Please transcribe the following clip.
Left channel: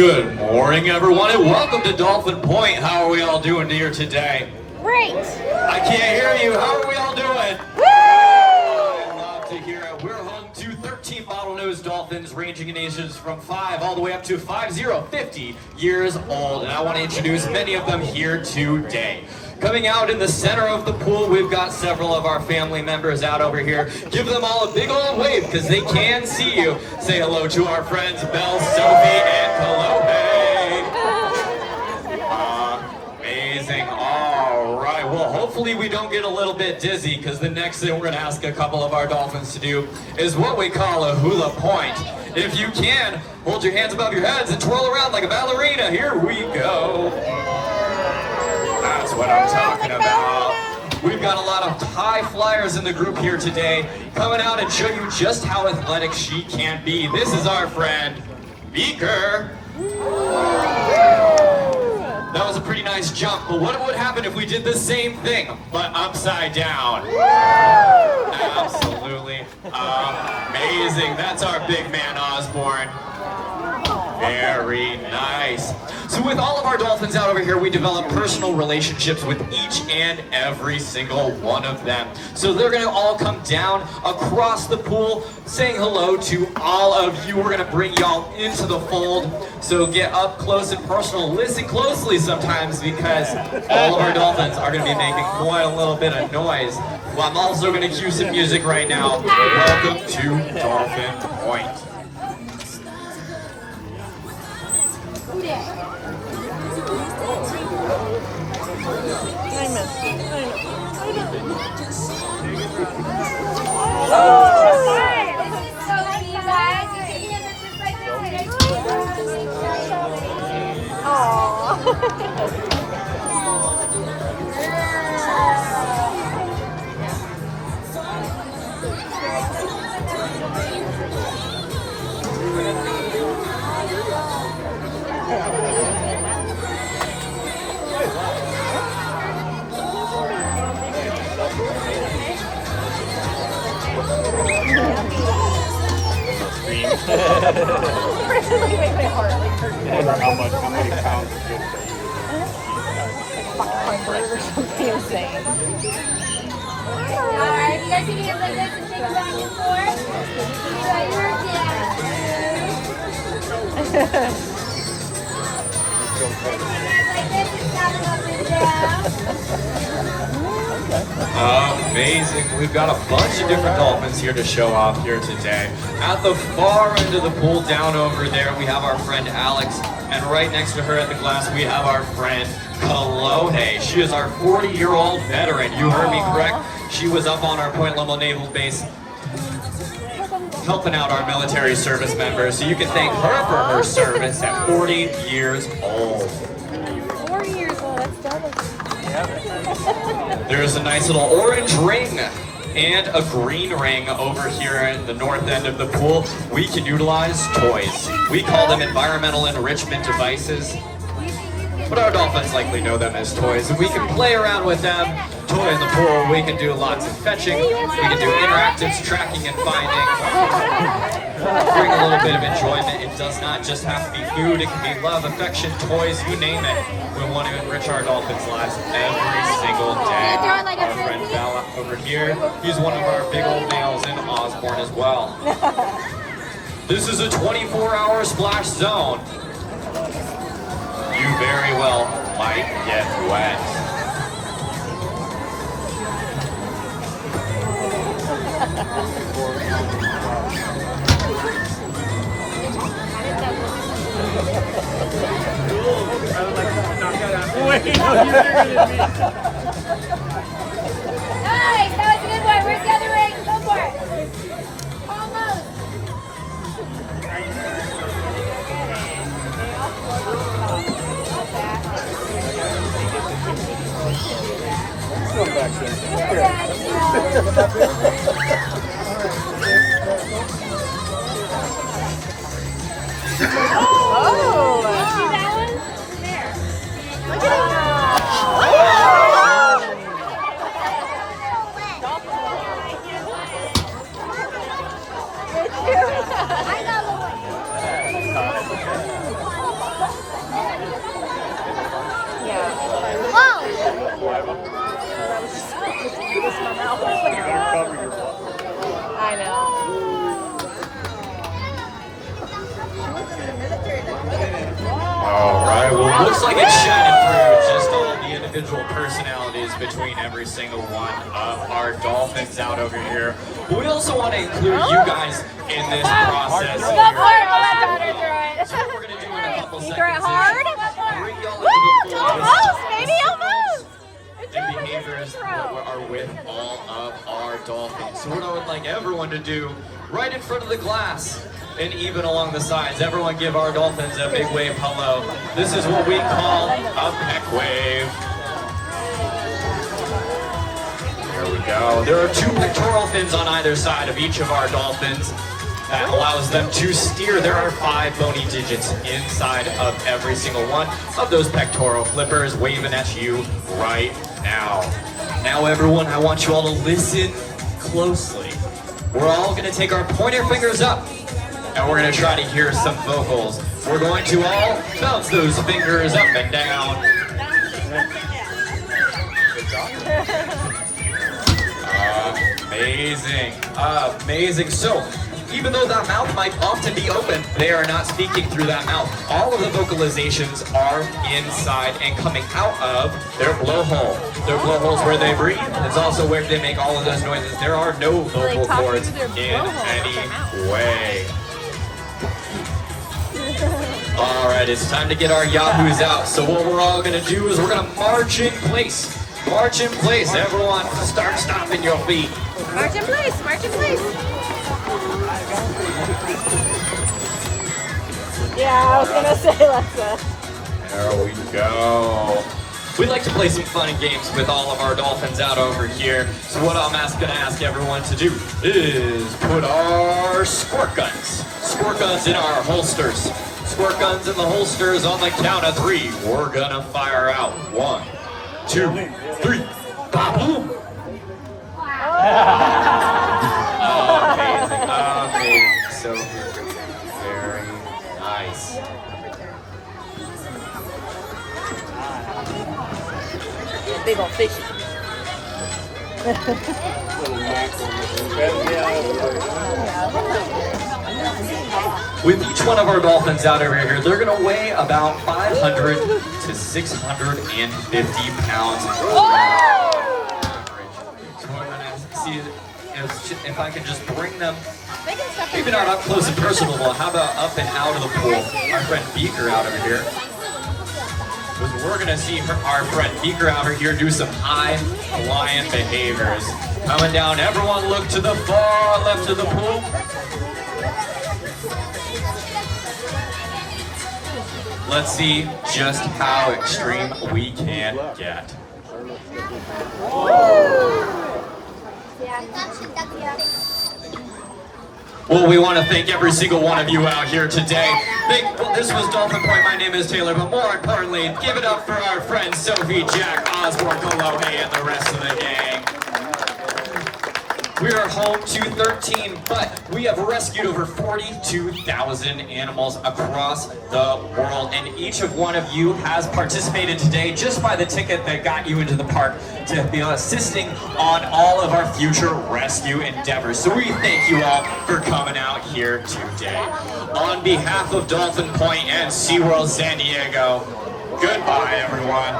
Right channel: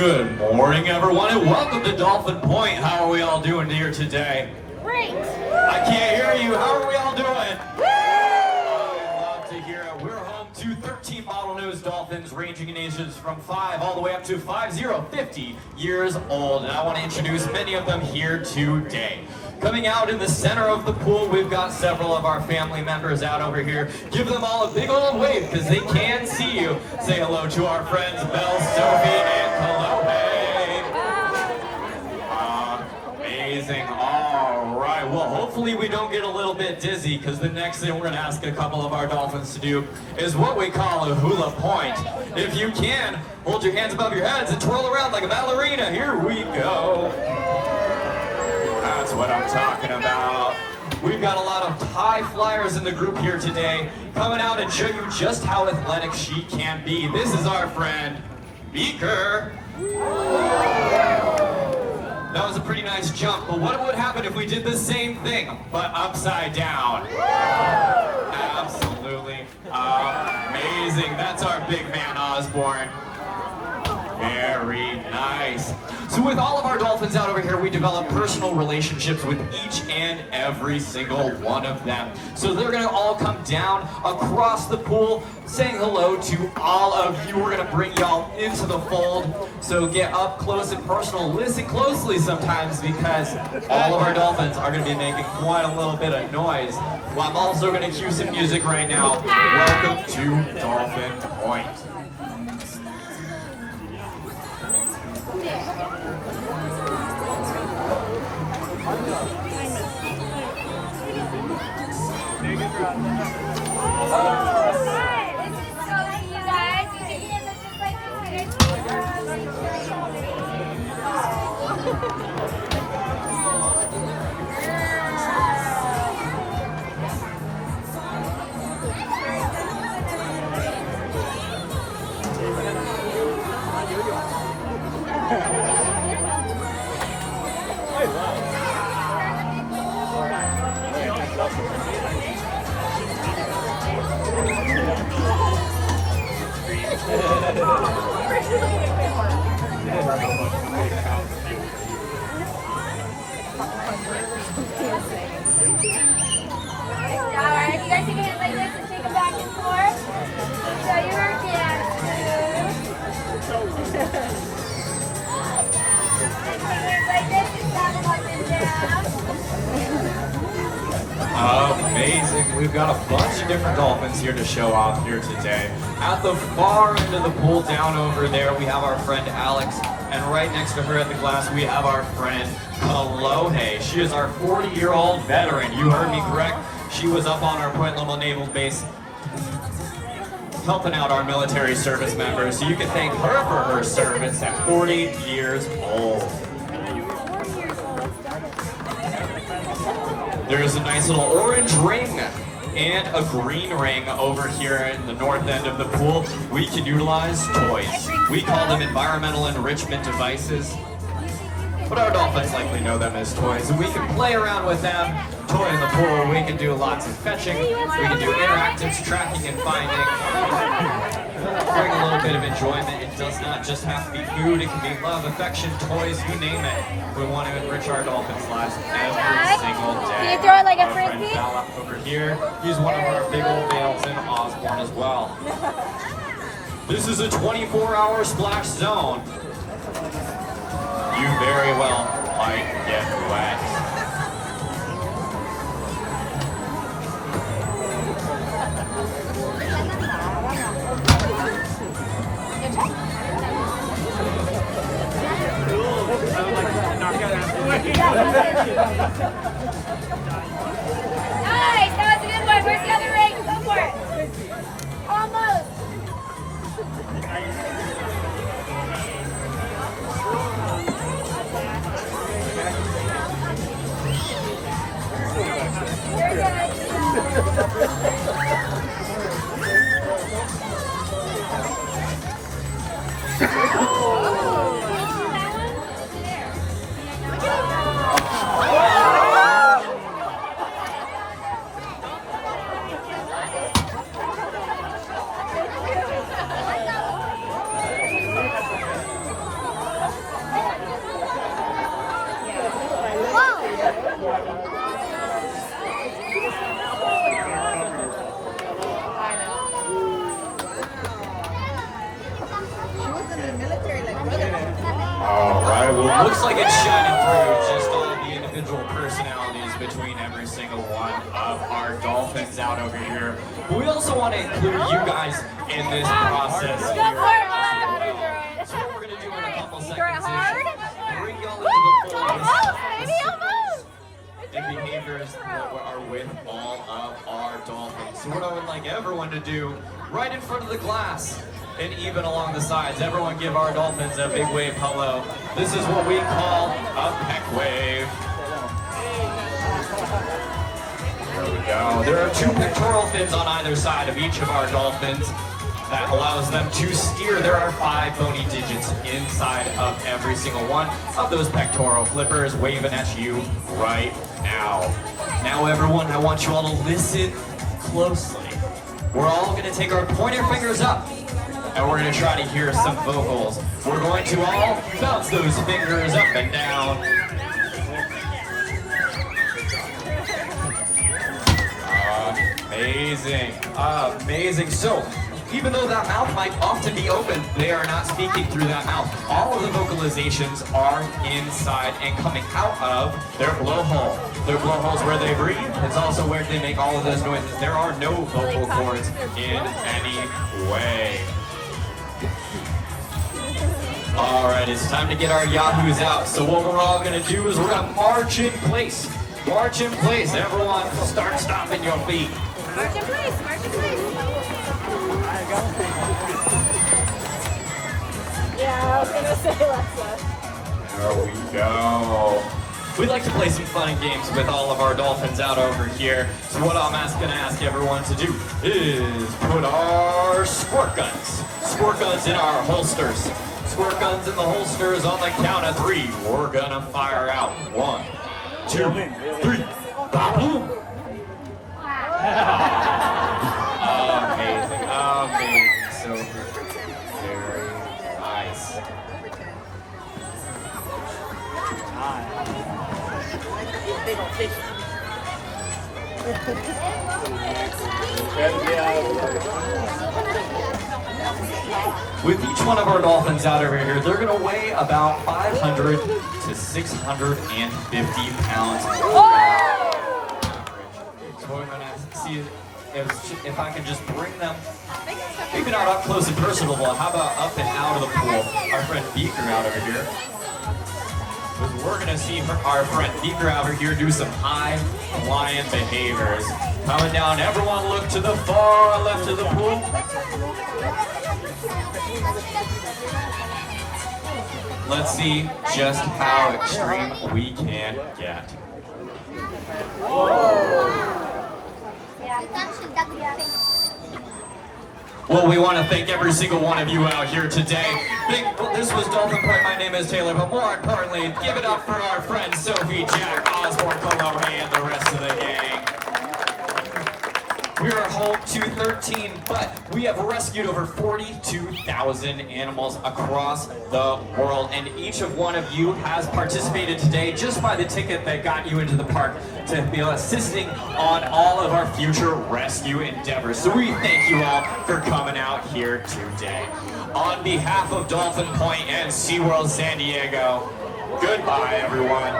Good morning, everyone, and welcome to Dolphin Point. How are we all doing here today? Great! I can't hear you. How are we all doing? Woo! I love to hear it. We're home to 13 bottlenose dolphins ranging in ages from 5 all the way up to 50 years old. And I want to introduce many of them here today. Coming out in the center of the pool, we've got several of our family members out over here. Give them all a big old wave because they can see you. Say hello to our friends Belle, Sophie, and Calliope. Amazing. All right. Well, hopefully we don't get a little bit dizzy because the next thing we're going to ask a couple of our dolphins to do is what we call a hula point. If you can, hold your hands above your heads and twirl around like a ballerina. Here we go. That's what I'm talking about. We've got a lot of high flyers in the group here today, coming out and show you just how athletic she can be. This is our friend, Beaker. That was a pretty nice jump, but what would happen if we did the same thing, but upside down? Absolutely amazing. That's our big man, Osborne. Very nice. So with all of our dolphins out over here, we develop personal relationships with each and every single one of them. So they're gonna all come down across the pool, saying hello to all of you. We're gonna bring y'all into the fold. So get up close and personal. Listen closely sometimes because all of our dolphins are gonna be making quite a little bit of noise. Well, I'm also gonna cue some music right now. Welcome to Dolphin Point. Alright, you guys take your hands like this and shake them back and forth. Try your dance. Take your hands like this and tap them up and down. Amazing. We've got a bunch of different dolphins here to show off here today. At the far end of the pool, down over there, we have our friend Alex. And right next to her at the glass, we have our friend Calliope. She is our 40-year-old veteran. You heard me correct. She was up on our Point Loma Naval Base helping out our military service members. So you can thank her for her service at 40 years old. 4 years old. There's a nice little orange ring and a green ring over here in the north end of the pool. We can utilize toys. We call them environmental enrichment devices, but our dolphins likely know them as toys. And we can play around with them. Toy in the pool, we can do lots of fetching. We can do interactives, tracking and finding. Bring a little bit of enjoyment. It does not just have to be food. It can be love, affection, toys, you name it. We want to enrich our dolphins' lives every single day. Can you throw it like a Our friend frisbee? Val over here, he's one of our big old males in Osborne as well. This is a 24-hour splash zone. You very well might get wet. Nice, that was a good one. Where's the other ring? Go for it. Almost. All right, well, looks like it's shining through just all the individual personalities between every single one of our dolphins out over here. We also want to include you guys in this process. So what we're going to do in a couple seconds is bring y'all into the fullest and behaviors that are with all of our dolphins. So what I would like everyone to do, right in front of the glass, and even along the sides, everyone give our dolphins a big wave hello. This is what we call a peck wave. There we go. There are 2 pectoral fins on either side of each of our dolphins. That allows them to steer. There are 5 bony digits inside of every single one of those pectoral flippers waving at you right now. Now everyone, I want you all to listen closely. We're all going to take our pointer fingers up and we're going to try to hear some vocals. We're going to all bounce those fingers up and down. Amazing. Amazing. So, even though that mouth might often be open, they are not speaking through that mouth. All of the vocalizations are inside and coming out of their blowhole. Their blowhole's where they breathe. It's also where they make all of those noises. There are no vocal cords in any way. All right, it's time to get our yahoos out. So what we're all gonna do is we're gonna march in place. March in place. Everyone, start stomping your feet. March in place, march in place. Yeah, I was gonna say Alexa. There we go. We'd like to play some fun games with all of our dolphins out over here. So what I'm gonna ask everyone to do is put our squirt guns in our holsters. Squirt guns in the holsters on the count of 3. We're gonna fire out. 1, 2, 3. Ba-boom. Amazing, amazing. So very nice. Big old fish. With each one of our dolphins out over here, they're going to weigh about 500 to 650 pounds. So I'm going to see if I can just bring them, maybe not up close and personal, but how about up and out of the pool? Our friend Beaker out over here. We're going to see our friend Beaker out over here do some high flying behaviors. Coming down, everyone look to the far left of the pool. Let's see just how extreme we can get. Well, we want to thank every single one of you out here today. This was Dolphin Point. My name is Taylor, but more importantly, give it up for our friends Sophie, Jack, Osborne, Colombe, and the rest of the gang. We are home to 13, but we have rescued over 42,000 animals across the world, and each of one of you has participated today just by the ticket that got you into the park to be assisting on all of our future rescue endeavors. So we thank you all for coming out here today. On behalf of Dolphin Point and SeaWorld San Diego, goodbye, everyone.